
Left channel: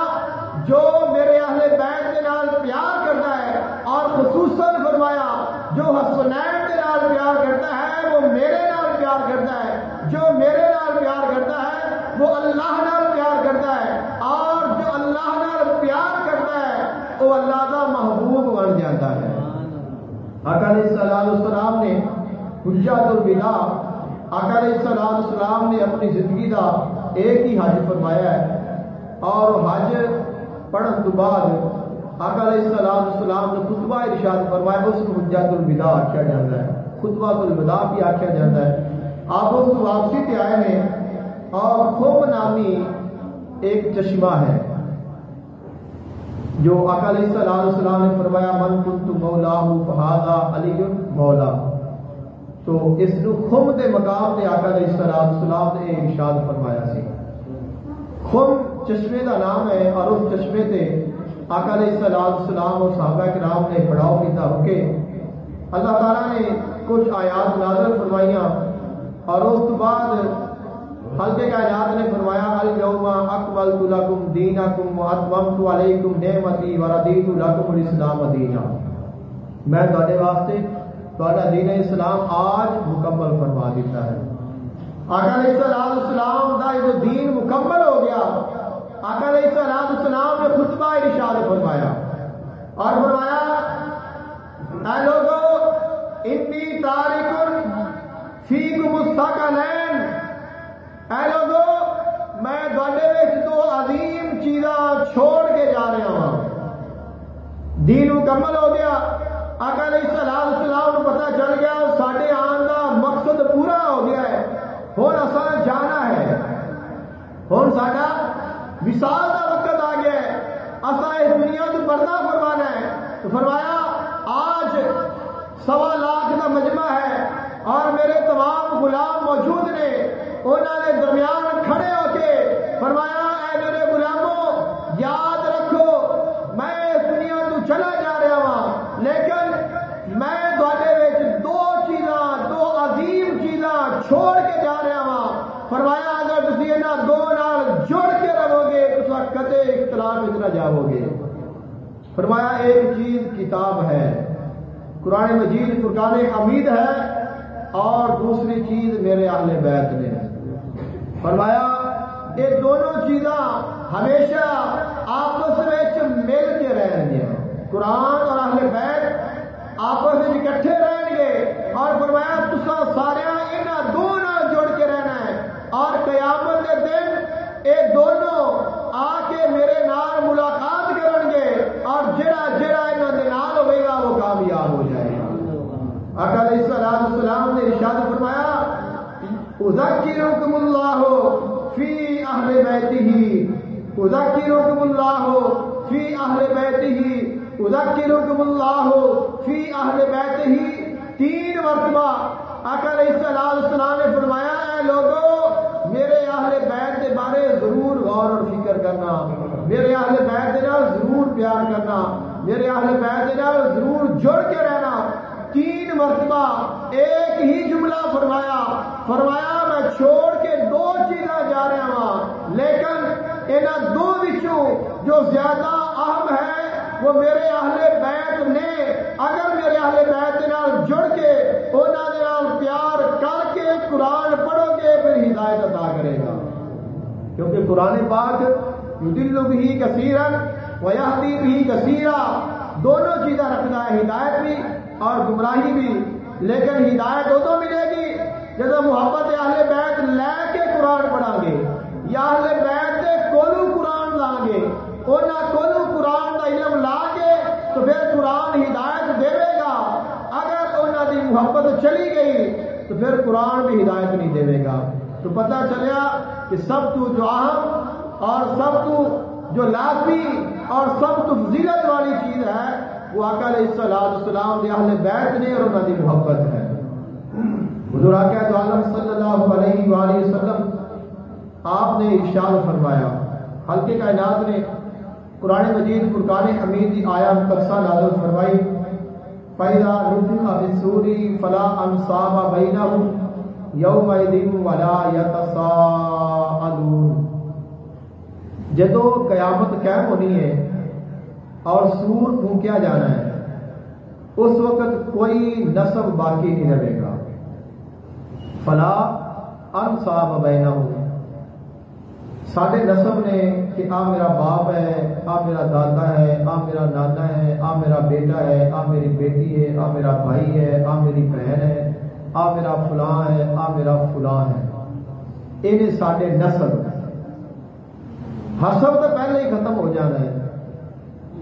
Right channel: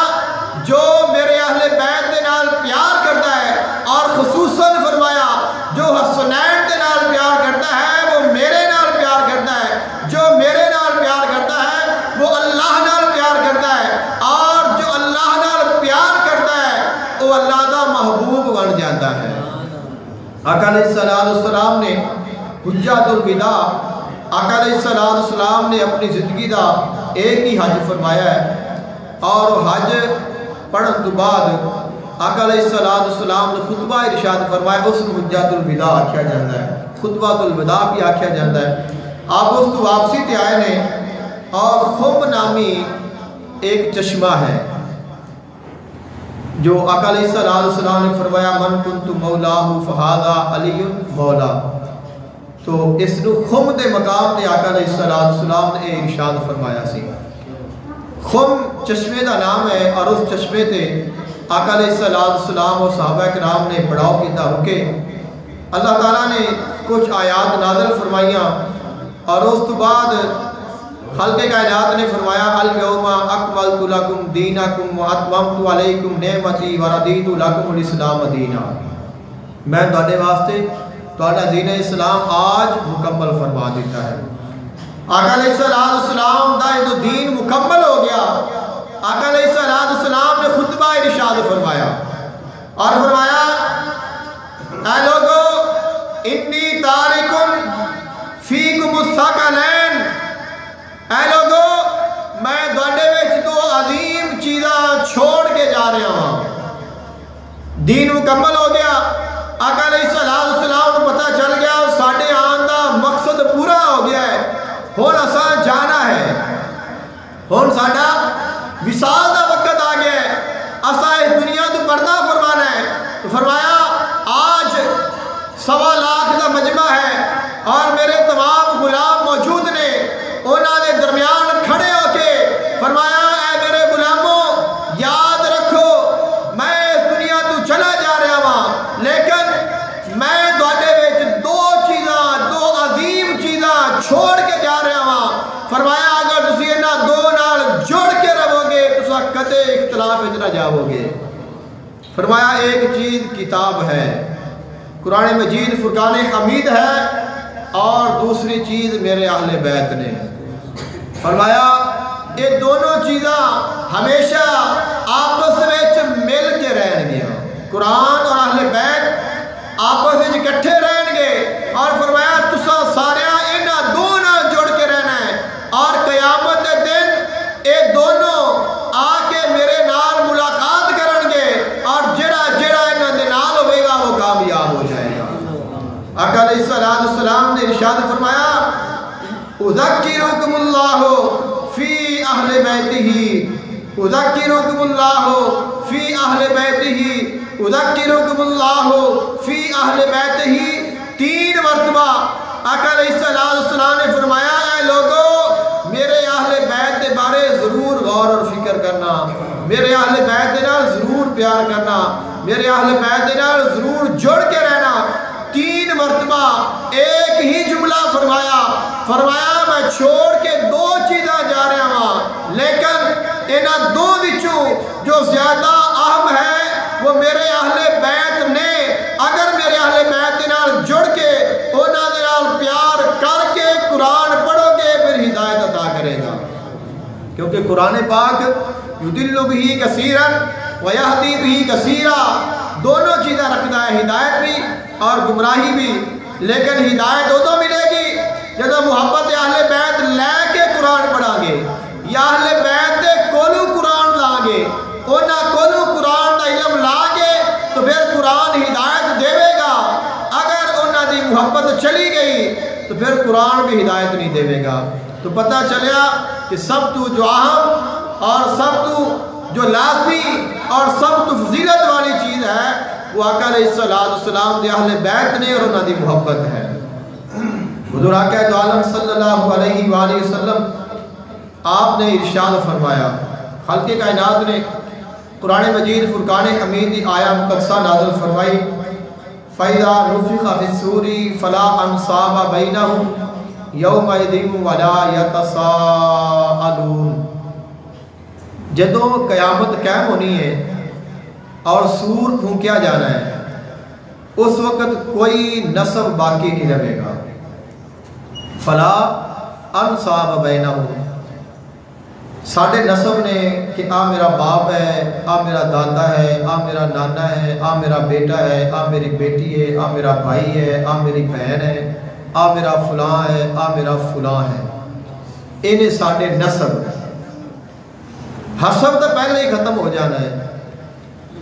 جو میرے اہل بیت دے نال پیار کرتا ہے، اور خصوصاً فرمایا جو حسنین دے نال پیار کرتا ہے وہ میرے نال پیار کرتا ہے، جو میرے نال پیار کرتا ہے وہ اللہ نال پیار کرتا ہے، اور جو اللہ نال پیار کرتا ہے وہ اللہ دا محبوب بن جاتا ہے۔ آقا علیہ السلام نے حجۃ الوداع، آقا علیہ السلام نے اپنی زندگی دا ایک ہی حج فرمایا ہے، اور حج پڑھن تو بعد آقا علیہ السلام نے خطبہ ارشاد فرمایا، اس نے حجۃ الوداع آکھیا جاتا ہے، خطبہ الوداع بھی آکھیا جاتا ہے۔ آپ اس تو واپسی تے آئے نے اور خم نامی ایک چشمہ ہے جو آقا علیہ السلام نے فرمایا من کنت مولاہ فہذا علی مولا، تو اس نو خم دے مقام تے آقا علیہ السلام نے ارشاد فرمایا سی۔ خم چشمے دا نام ہے اور اس چشمے تے آقا علیہ السلام اور صحابہ کرام نے پڑاؤ کیتا رکے۔ اللہ تعالیٰ نے کچھ آیات نازل فرمائیاں اور اس تو بعد خلق کائنات نے فرمایا الیوم اکملت لکم دینکم واتممت علیکم نعمتی ورضیت لکم الاسلام دینا، میں تواڈے واسطے تواڈا دین اسلام آج مکمل فرما دیتا ہے۔ آقا علیہ السلام دا یہ دین مکمل ہو گیا۔ آقا علیہ السلام نے خطبہ ارشاد فرمایا اور فرمایا اے لوگو انی تارکن فیکم الثقلین، اے لوگو میں تواڈے وچ دو عظیم چیزاں چھوڑ کے جا رہا ہوں۔ دین مکمل ہو گیا، آقا علیہ السلام کو پتہ چل گیا ساڈے آن دا مقصد پورا ہو گیا ہے، ہن اساں جانا ہے، ہن ساڈا وصال دا وقت آ گیا ہے، اساں اس دنیا تو پردہ فرمانا ہے۔ تو فرمایا آج 1.25 لاکھ کا مجمع ہے اور میرے تمام غلام موجود نے، انہوں نے درمیان کھڑے ہو کے فرمایا اے میرے غلاموں یاد رکھو میں اس دنیا تو چلا جا رہا ہوں، لیکن میں تواڈے وچ دو چیزاں، دو عظیم چیزاں چھوڑ کے جا رہا ہوں۔ فرمایا اگر تسی انہاں دو نال جڑ کے رہو گے تساں کدے اختلاف وچ نہ جاؤ گے۔ فرمایا ایک چیز کتاب ہے، قرآن مجید فرقان حمید ہے، اور دوسری چیز میرے اہل بیت نے۔ فرمایا یہ دونوں چیزاں ہمیشہ آپس میں مل کے رہن گیا، قرآن اور اہل بیت آپس میں اکٹھے رہن گے، اور فرمایا تساں سارے انہاں دو نال جڑ کے رہنا ہے، اور قیامت کے دن یہ دونوں آ کے میرے نال ملاقات کرن گے، اور جڑا انہاں دے نال ہوئے گا وہ کامیاب ہو جائے گا۔ آقا علیہ السلام نے ارشاد فرمایا اذکرکم اللہ فی اہل بیتہ، اذکرکم اللہ فی اہل بیتہ، اذکرکم اللہ فی اہل بیتہ، 3 مرتبہ آقا علیہ السلام نے فرمایا اے لوگو میرے اہل بیت کے بارے ضرور غور اور فکر کرنا، میرے اہل بیت کے نال ضرور پیار کرنا، میرے اہل بیت کے نال ضرور جڑ کے رہنا۔ 3 مرتبہ ایک ہی جملہ فرمایا میں چھوڑ کے 2 چیزاں جا رہا ہوں، لیکن انہاں 2 وچوں جو زیادہ اہم ہے وہ میرے اہل بیت نے، اگر میرے اہل بیت نال جڑ کے انہاں دے نال پیار کر کے قرآن پڑھو گے پھر ہدایت عطا کرے گا، کیونکہ قرآن پاک یضل بہ کثیرا ویہدی بہ کثیرا، دونوں چیزیں رکھتا ہے، ہدایت بھی اور گمراہی بھی۔ لیکن ہدایت ادو ملے گی جب محبت اہل بیت لے کے قرآن پڑھا گے، یا اہل بیت دے کولو قرآن لا گے، انہاں کولو قرآن دا علم لا گے تو پھر قرآن ہدایت دے گا، اگر انہاں دی محبت چلی گئی تو پھر قرآن بھی ہدایت نہیں دے گا۔ تو پتہ چلیا کہ سب تو جو اہم اور سب تو جو لازمی اور سب تو فضیلت والی چیز ہے وہ آقا علیہ السلام دے اہل بیت نے اور انہاں دی محبت ہے۔ حضور آقا دو عالم صلی اللہ علیہ وآلہ وسلم آپ نے ارشاد فرمایا، خالق کائنات نے قرآن مجید فرقان حمید کی آیا مقدسہ نازل فرمائی، فَإِذَا نُفِخَ فِي الصُّورِ فَلَا أَنْصَابَ بَيْنَهُمْ يَوْمَئِذٍ وَلَا يَتَسَاءَلُونَ۔ جدوں قیامت قائم ہونی ہے اور سور پھونکیا جانا ہے، اس وقت کوئی نسب باقی نہیں رہے گا۔ فلا انصاب بینہم، ساڑھے نسب نے کہ آ میرا باپ ہے، آ میرا دادا ہے، آ میرا نانا ہے، آ میرا بیٹا ہے، آ میری بیٹی ہے، آ میرا بھائی ہے، آ میری بہن ہے، آ میرا فلاں ہے، آ میرا فلاں ہے، انہیں ساڑھے نسب حسب تو پہلے ہی ختم ہو جانا ہے،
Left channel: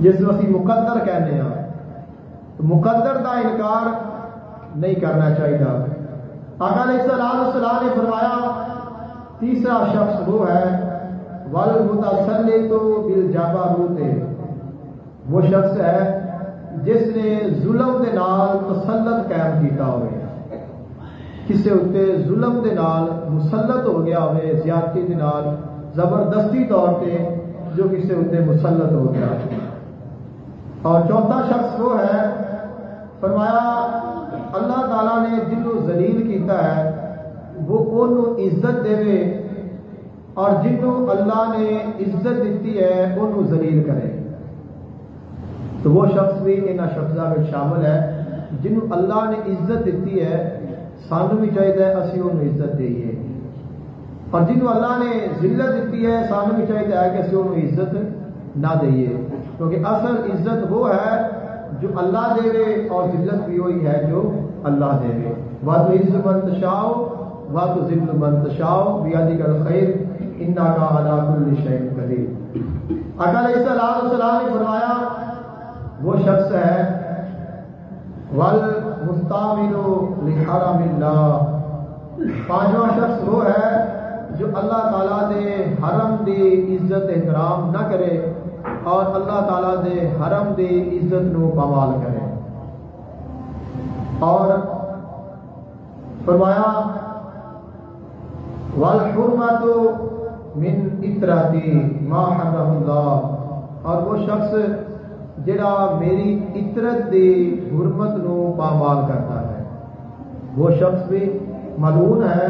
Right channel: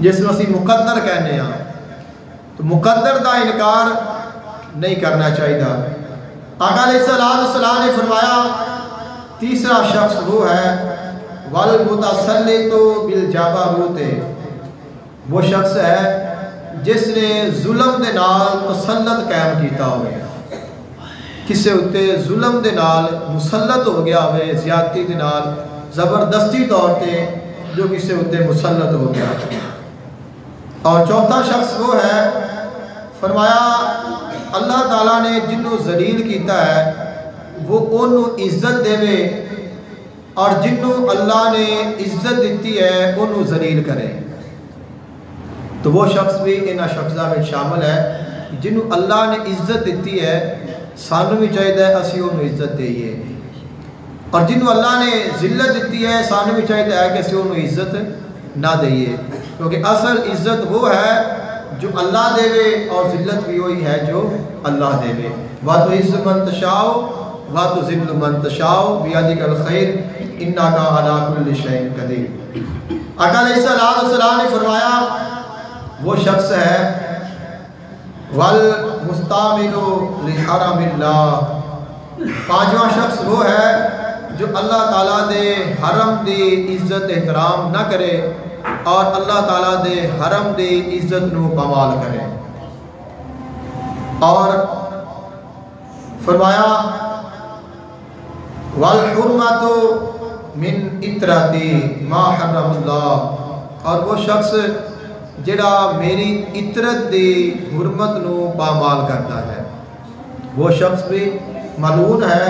جس میں اسی مقدر کہنے ہاں، تو مقدر دا انکار نہیں کرنا چاہیے۔ آقا علیہ السلام نے فرمایا تیسرا شخص وہ ہے والمتسلط بالجبروت، وہ شخص ہے جس نے ظلم دے نال تسلط قائم کیتا ہوئے، کسے اتے ظلم دے نال مسلط ہو گیا ہوئے، زیادتی دے نال زبردستی طور تے جو کسے اتے مسلط ہو گیا۔ اور چوتھا شخص وہ ہے، فرمایا اللہ تعالیٰ نے جنوں ذلیل کیتا ہے وہ انہوں عزت دے، اور جنوں اللہ نے عزت دیتی ہے انہوں ذلیل کرے۔ تو وہ شخص بھی انہاں شخصاں میں شامل ہے جنوں اللہ نے عزت دیتی ہے، سانوں بھی چاہیے اسی انہوں عزت دئیے، اور جنوں اللہ نے ذلت دیتی ہے سانوں بھی چاہیے کہ اسی انہوں عزت نہ دئیے، کیونکہ اصل عزت وہ ہے جو اللہ دے، اور ذلت بھی وہی ہے جو اللہ دے۔ وَتُعِزُّ مَن تَشَاءُ وَتُذِلُّ مَن تَشَاءُ بِيَدِكَ الْخَيْرُ إِنَّكَ عَلَىٰ كُلِّ شَيْءٍ قَدِيرٌ۔ آقا علیہ السلام نے فرمایا وہ شخص ہے وَالْمُسْتَعْمِلُ لِحَرَمِ اللَّهِ، پانچواں شخص وہ ہے جو اللہ تعالیٰ دے حرم دی عزت احترام نہ کرے اور اللہ تعالیٰ دے حرم دی عزت نو پامال کرے۔ اور فرمایا وَالْحُرْمَةُ مِنْ اِطْرَتِي مَا حَرَّمَ اللَّهُ، اور وہ شخص جڑا میری اطرت دی حرمت نو پامال کرتا ہے، وہ شخص بھی ملعون ہے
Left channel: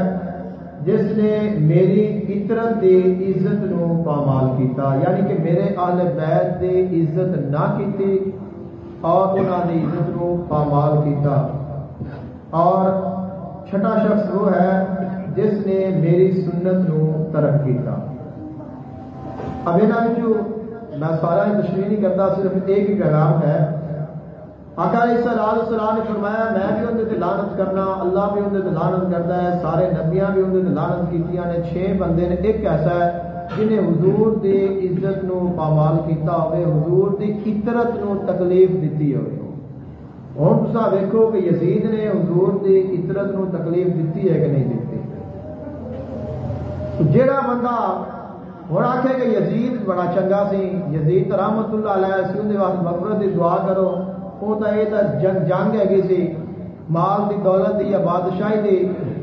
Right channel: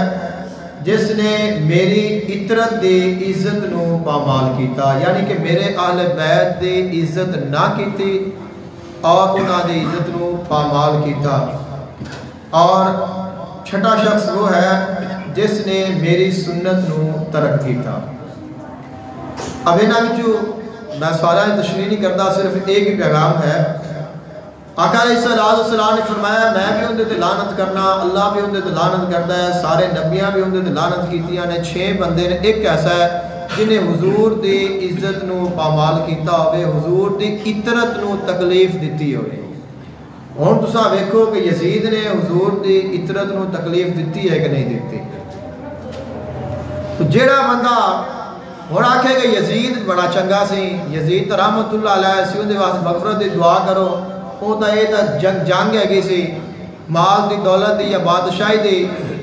جس نے میری اطرت دی عزت نو پامال کیتا، یعنی کہ میرے اہل بیت دی عزت نہ کیتی اور انہاں دی عزت نو پامال کیتا۔ اور چھٹا شخص وہ ہے جس نے میری سنت نو ترک کیتا۔ اب انہاں وچوں میں سارا تشریح نہیں کرتا، صرف ایک ہی پیغام ہے۔ آقا علیہ السلام نے فرمایا میں بھی اندے تے لعنت کرنا، اللہ بھی اندے تے لعنت کرتا ہے، سارے نبیاں بھی اندے تے لعنت کیتیاں نے، 6 بندے نے، ایک ایسا ہے جنہیں حضور دی عزت نو پامال کیتا ہوئے، حضور دی اطرت نو تکلیف دیتی ہوئے۔ ہن تساں ویکھو کہ یزید نے حضور دی اطرت نو تکلیف دیتی ہے کہ نہیں دیتی؟ تو جیڑا بندہ ہن آکھے کہ یزید بڑا چنگا سی، یزید رحمت اللہ علیہ سی، اون دے واسطے مغفرت دی دعا کرو، وہ تو یہ جنگ ہے سی مال دی دولت دی یا بادشاہی دی،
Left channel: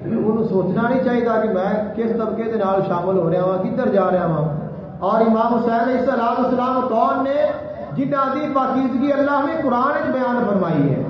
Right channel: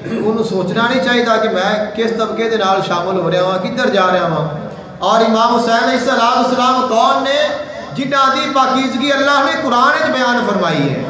انہوں سوچنا نہیں چاہیے کہ میں کس طبقے دے نال شامل ہو رہا ہوں، کدھر جا رہا ہوں۔ اور امام حسین علیہ السلام کون نے جنہاں دی پاکیزگی اللہ نے قرآن وچ بیان فرمائی ہے۔